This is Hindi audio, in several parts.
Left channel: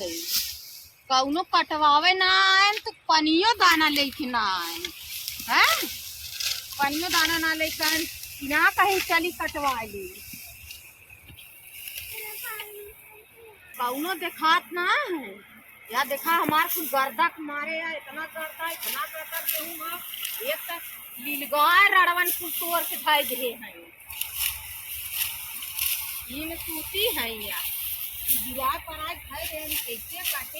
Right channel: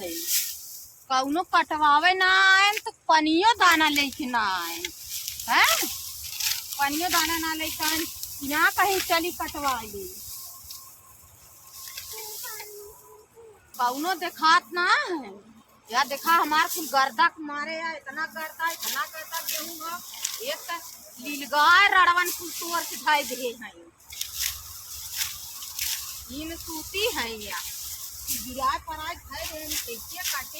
है कौनो कटवावे ना आए तो पनियो दाना लेके ना आए हैं, पनियो दाना ना लेके आए यहाँ कहीं चली कटवा ली कौनो देखात ना है। या देखा हमारे कुल गर्दा मारे या इतना गर्दा गेहूँ एक तक लीलगाय रड़वन कुल तोड़ के ढाई दे हैं ये में सूती है या गिरा पर आज खाए रहे कैसे काटे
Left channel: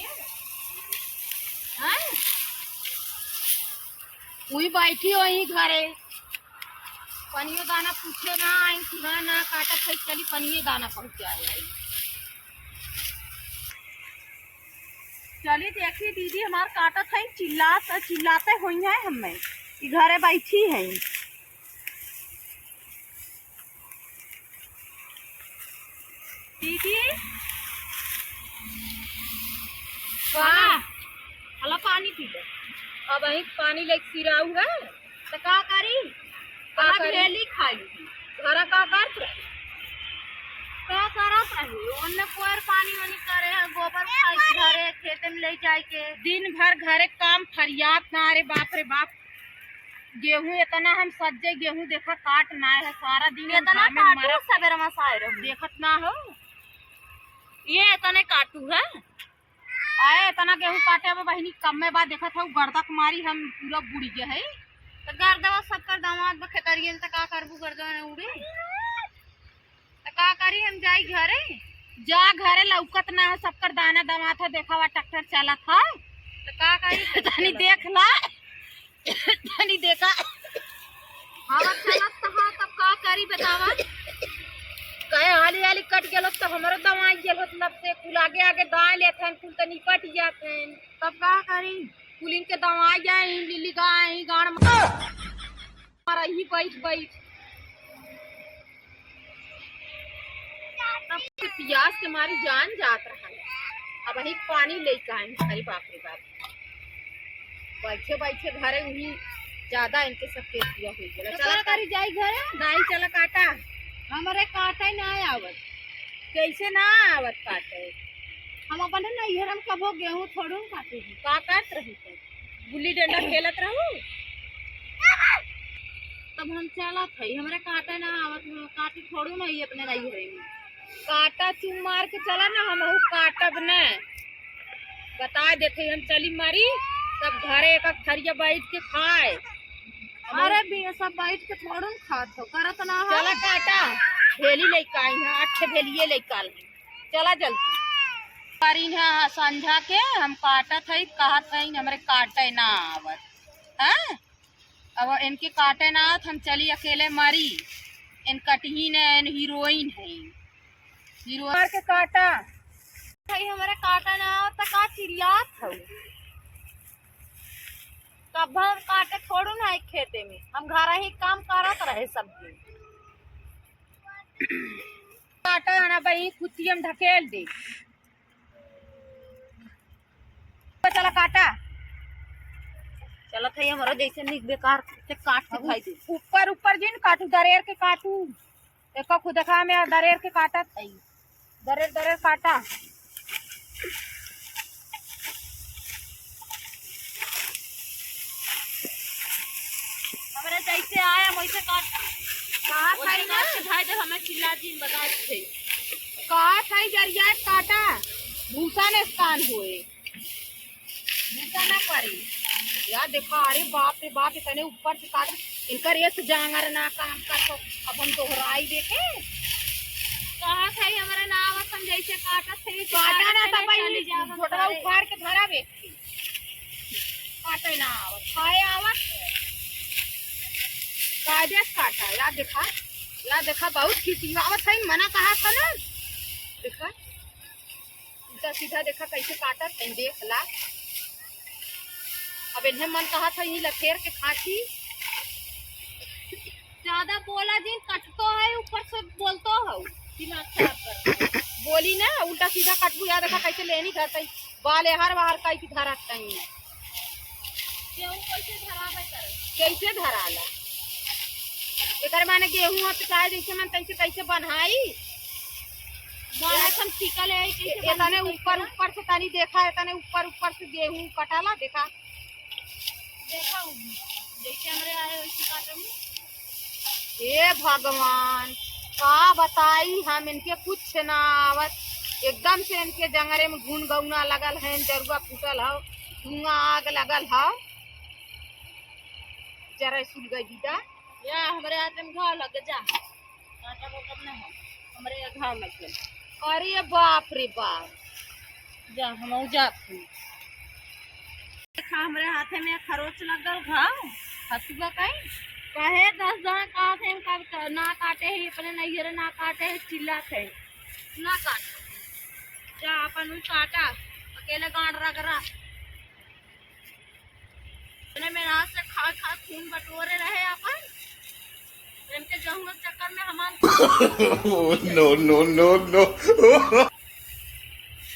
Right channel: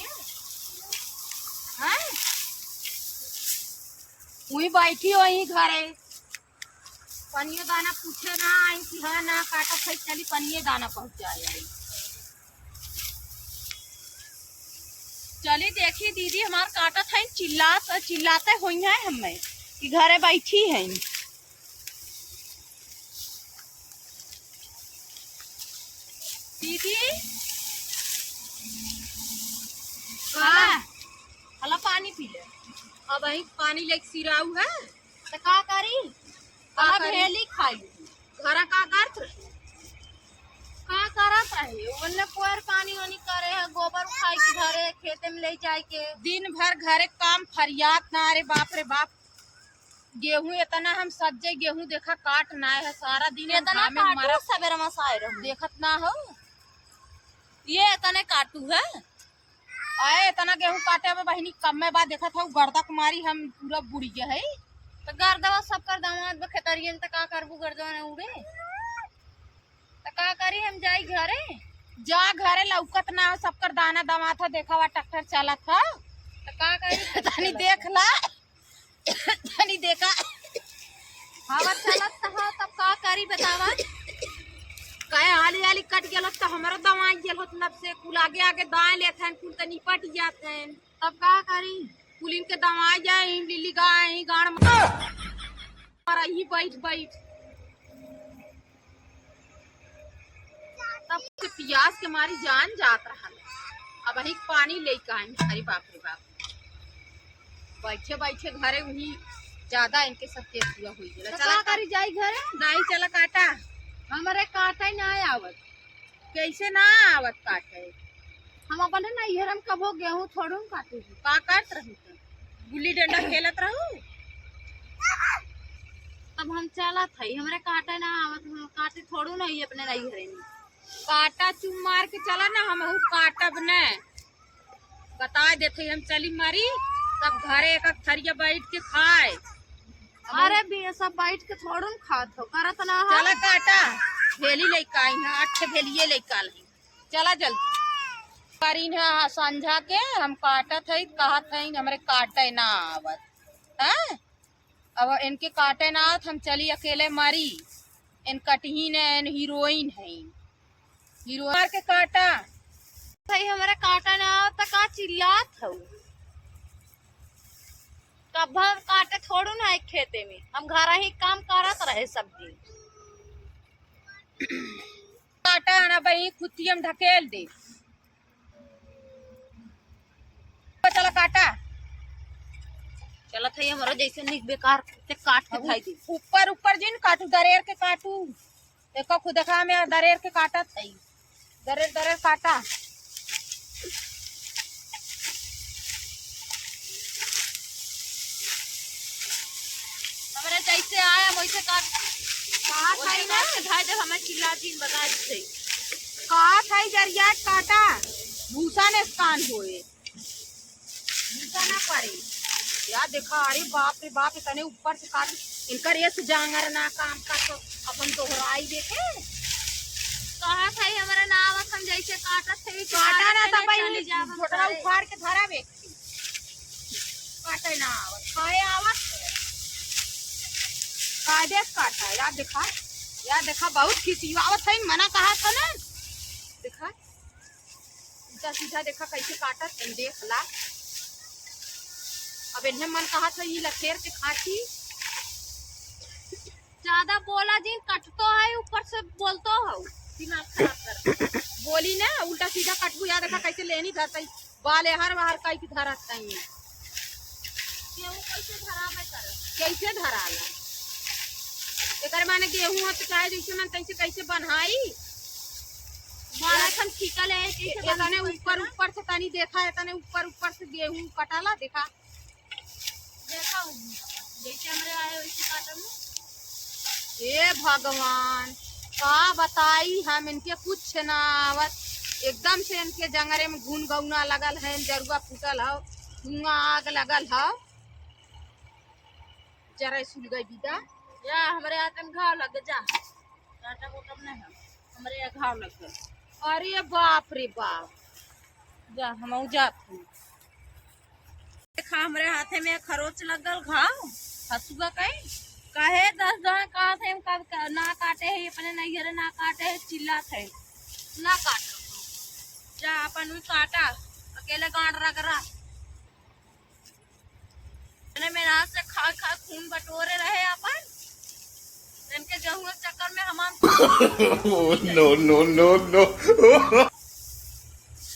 हैं वही बैठी वही घरे पनियो दाना पूछे ना आई कि हाँ ना काटा खाई चली पनिये दाना पहुँचाए चली देखी दीदी हमार काटा था चिल्लाते हुई है हमें कि घरे बैठी है दीदी हला पानी पी ले अब वही पानी लेके सिराऊ है तो का करी हला ढेली खाई घर का करत है पोर पानी वानी करे है गोबर उठाई के घरे खेते में ले जाए के दिन भर घरे काम फरियाद ना रे बाप गेहूं इतना हम सज्जे गेहूं देखा काट ना है सारा दिन इतना काटू सवेरे मसाए रहो देखत ना हो ये इतने काटू है आए इतना गेहूं काटे अब बहनी कम में बाद देखा था गर्दा कुमारी हम पूरा बुड़ी गए है तो गर्दवा सब कर दामाद खेतरिए में तो का करबू गर्दवा ने उड़े तो का करी हम जाई घरे जा घरे लौकत ना हो सबकर दाना दमा था देखा हुआ ट्रैक्टर चला था तो का करी तनी देख ला तनी देखा हवा चलत था तब का करी बतावा कहे हाली हाली कट गेल तो हमारो दवाई गेल मतलब से कुल आगे आगे दाएं लेते हैं कुल तनी पट जाते हैं तब का करी कुल इनके दवाई जाए लिली गाय गाड़ मारा ही बैठ तब प्यास के मारी जान जात रहा अब वही पानी लेके आए अरे बाप रे बाप बैठे घरे वही ज्यादा इनके सब केस हुआ हुई गेला चला करी जाई घरे नहीं चला काटा हमारे काटा ही ना आवत कैसे ना आवत काटे हम अपन ना इहर हम कबो गेहूं थोड़ू काटे का काट रही तो गुल्ली डंडा खेलत रहू तब हम चला थई हमारे काटा ना आवत काटे थोड़ू नहीं अपने नहीं घरे में काटा चुम मार के चला ना हम काटब न बता देते हम चली मारी तब घरे एक थरिया बैठ के खाए अरे भी सब बैठ के थोड़ू खात हो करत ना हो चला काटा थैली लेके आई है 8 थैलिए लेके आल चला जल्दी पारी है संझा के हम काटत है कहत है हमरे काटे ना आवत हैं अब इनके काटे ना आवत हम चली अकेले मारी इन कटही ने हीरोइन है हीरो मार के काटा भाई हमारा काटा ना आवत का चिल्लात हो कब हम काटे थोड़ू ना एक खेते में हम घर ही काम करत रहे सब दिन काटा ना भाई खुद हम ढकेल दे चला काटा चलो थई हमारा जैसे निक बेकार से काट के खाई दे ऊपर जिन काटू दरेर के काटू एक खुद देखा में दरेर के काटा थई दरेर काटा हमारे जैसे आया वैसे काट कहा खाई ना के भाई जब हमें चिल्ला दिन बता थे कहा खाई जरिया काटा भूसा ने कान होए भूसा ना पड़े या देखा अरे बाप रे बाप इतने ऊपर से काट इनकर ये जांगर ना काम कर तो अपन दोहराई देखे कहा खाई हमारा नाम हम जैसे काटत थे काटा ना तब चली जा फोटो उखाड़ के धरा व्यक्ति काटे ना आवत खाए आवत काटे काटा या देखा बहुत खिसी आवत है मना कहा था ना देखा उल्टा सीधा देखा कैसे काटत है देख ला अब इन्हें मन कहा था ये लखेर के खाती ज्यादा बोला जिन कटतो है ऊपर से बोलतो हो दिमाग खराब कर बोली ना उल्टा सीधा कटबू या देखा कैसे लेनी धरता बाल हर बाहर कैसे धरता है गेहूं कैसे धरावे करे कैसे धराला एकर माने गेहूं तो चाहे जैसे मन कैसे बनहाई बाड़ा खन टिकल है कैसे तने ऊपर ऊपर से तनी देखा है तने ऊपर ऊपर से गेहूं कटाला देखा देखा जैसे हमरे आए वैसे काटम। ए भगवान का बताई हम इनके कुछ ना आवत एकदम से इनके जंगरे में घुन गौना लगल है जरुआ फूटल है धुआं आग लगल है जरा सुल गई दीदा या हमरे हाथ में घाव लग जा काटा बोटम नहीं है हमरे यहाँ घाव लग गए। अरे बाप रे बाप जा हम जात देखा हमरे हाथे में खरोच लगल घाव हसुआ कहीं कहे 10 जन काट है कब ना काटे है अपने नैहरे ना काटे है चिल्लात है ना काट जा अपन भी काटा अकेले गांड रगरा मेरे हाथ से खा खा खून बटोरे रहे अपन इनके जहुआ चक्कर में हम नो नो नो नो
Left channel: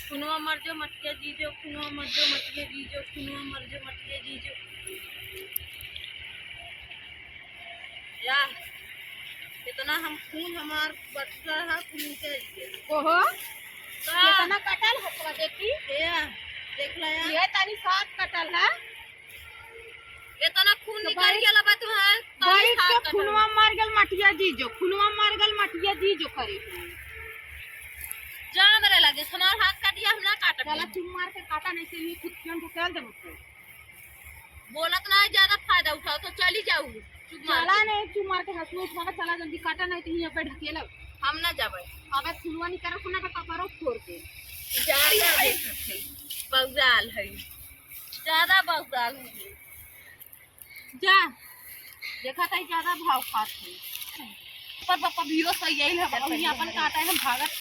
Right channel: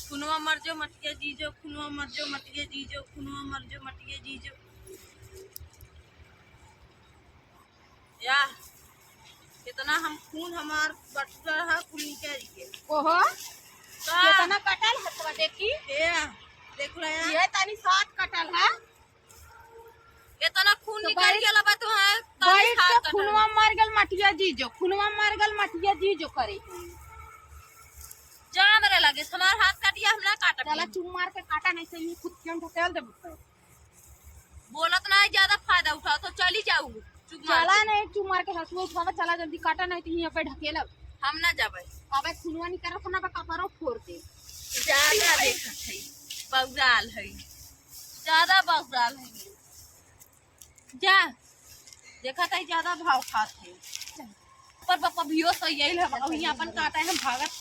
खुनवा मर जो मटके जीजो खुनवा मर जो मटके जीजो खुनवा मर जो मटके जीजो या कितना हम खून हमार बटुआ है खून के ओहो कितना कटल हथवा देखी देख ला ये तनी साथ कटल है कितना खून निकल गेल बा तो है बैठ के खूनवा मर गेल मटिया जीजो खुनवा मर गेल मटिया जीजो करे जा मरे लगे हमार हाथ काटिया हम ना काट चला चुम मार के काटा नहीं से ये खुद क्यों ढकेल दे मुझे बोलत ना ज्यादा फायदा उठाओ तो चली जाऊ चला नहीं चुम मार के हंसुआ उठा चला जल्दी काटा नहीं तो यहां पे ढकेल हम ना जाबे अबे खुनवा नहीं करत ना कपड़ो फोड़ के ज्यादा देखत है बौजाल है ज्यादा बौजाल है जा देखा था ज्यादा भाव खात है पर पापा भियो सही यही है वही अपन काटा है हम भागत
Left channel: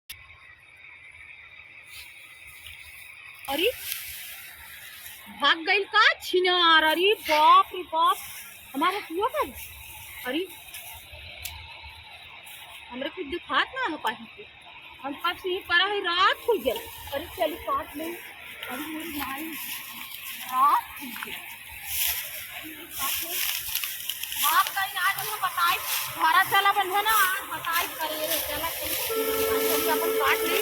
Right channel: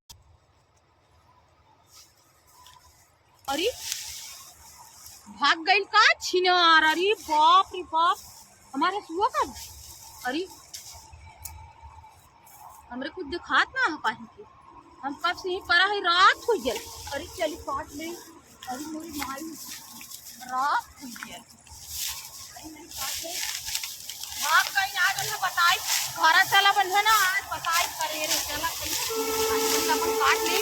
अरे भाग गई का छिनार अरे बाप रे बाप हमारे हुआ कब अरे हमरे कुछ दिखात ना हो पाही के हम कब से ही परा है रात हो गई अरे चली काट ले अरे मेरी माई रात हो गई भाग गई आज हमें बताई घर चला बंधे ना आज बताई करे रे चला अपन काट ली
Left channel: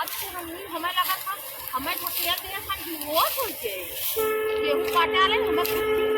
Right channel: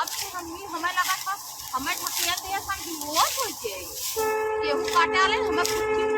अब से हमें लगा था हमें ढकेल दिया सन होत होई के गेहूं काटे आले हमें कुछ